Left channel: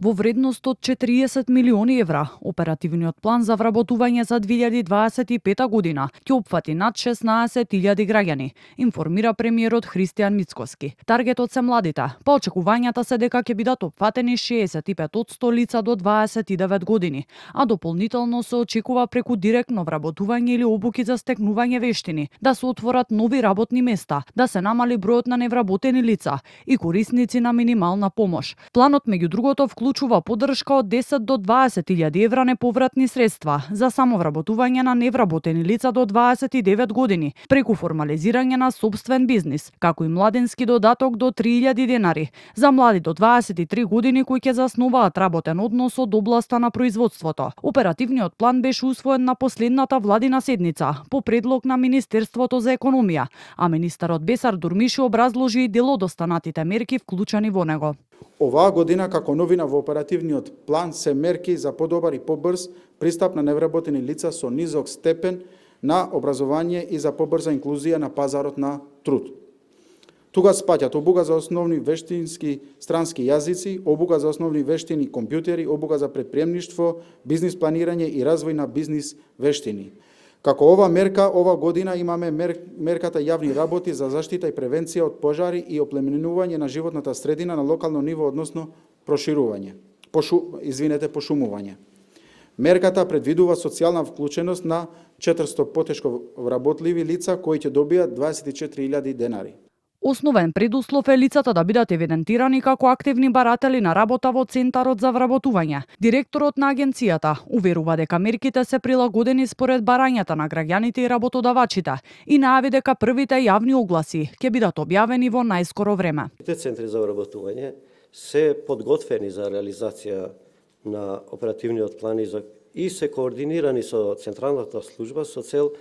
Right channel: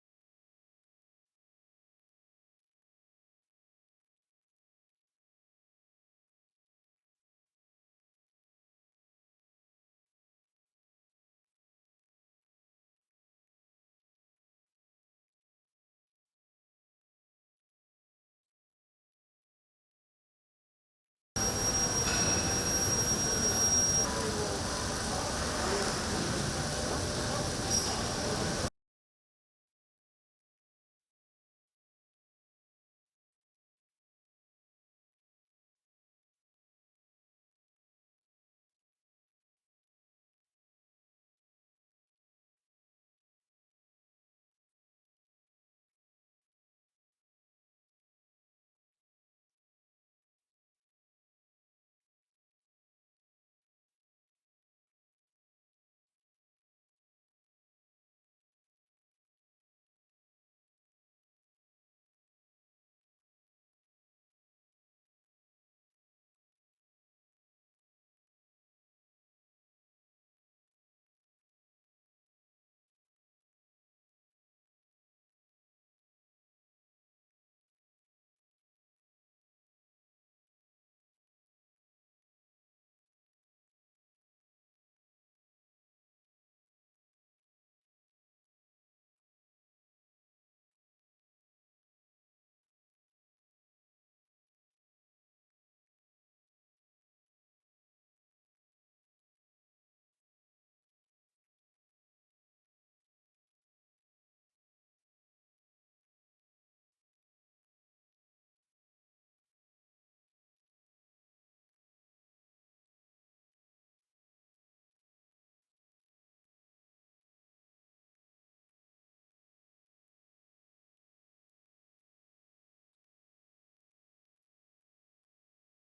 Во вредност од 40 милиони евра, оперативниот план за вработување за 2025 година ќе опфати над 16.000 граѓани, информира премиерот Христијан Мицкоски. Таргетот се младите. По очекувањата се дека ќе бидат опфатени 65% лица до 29 години, а дополнително се очекува преку директно вработување или обуки за стекнување вештини да се отворат нови работни места, да се намали бројот на невработени лица и корисници на минимална помош. Планот меѓу другото вклучува поддршка од 10 до 20.000 евра неповратни средства за самовработување на невработени лица до 29 години преку формализирање на сопствен бизнис, како и младенски додаток до 3.000 денари за млади до 23 години кои ќе заснуваат работен однос од областа на производството. Оперативниот план беше усвоен на последната владина седница по предлог на Министерството за економија, а министерот Бесар Дурмиши образложи и дел од останатите мерки вклучени во него. Оваа година како новина во оперативниот план се мерки за подобар и побрз пристап на невработени лица со низок степен на образование и за побрза инклузија на пазарот на труд. Тука спаѓаат обука за основни вештински странски јазици, обука за основни вештини компјутери, обука за предприемништво, бизнис планирање и развој на бизнис вештини. Како ова мерка, ова година имаме мерката јавни работи за заштита и превенција од пожари и оплеменување на животната средина на локално ниво, односно пошумување. Мерката предвидува социјална вклученост на 400 потешко вработливи лица кои ќе добијат 24.000 денари. Основен предуслов е лицата да бидат евидентирани како активни баратели на работа во Центарот за вработување. Директорот на агенцијата уверува дека мерките се прилагодени според барањата на граѓаните и работодавачите и најави дека првите јавни огласи ќе бидат објавени во најскоро време. Центри за вработување се подготвени за реализација на оперативниот план и се координирани со Централната служба со цел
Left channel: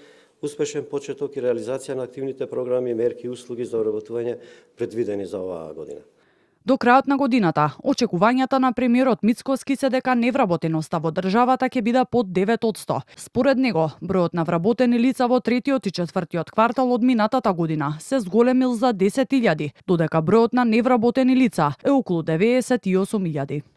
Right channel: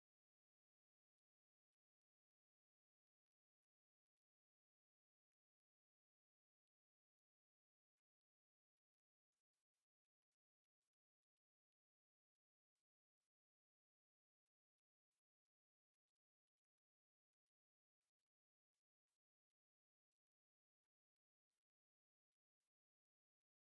успешен почеток и реализација на активните програми, мерки и услуги за вработување предвидени за оваа година. До крајот на годината, очекувањата на премиерот Мицкоски се дека невработеноста во државата ќе биде под 9%. Според него, бројот на вработени лица во третиот и четвртиот квартал од минатата година се зголемил за 10.000, додека бројот на невработени лица е околу 98.000.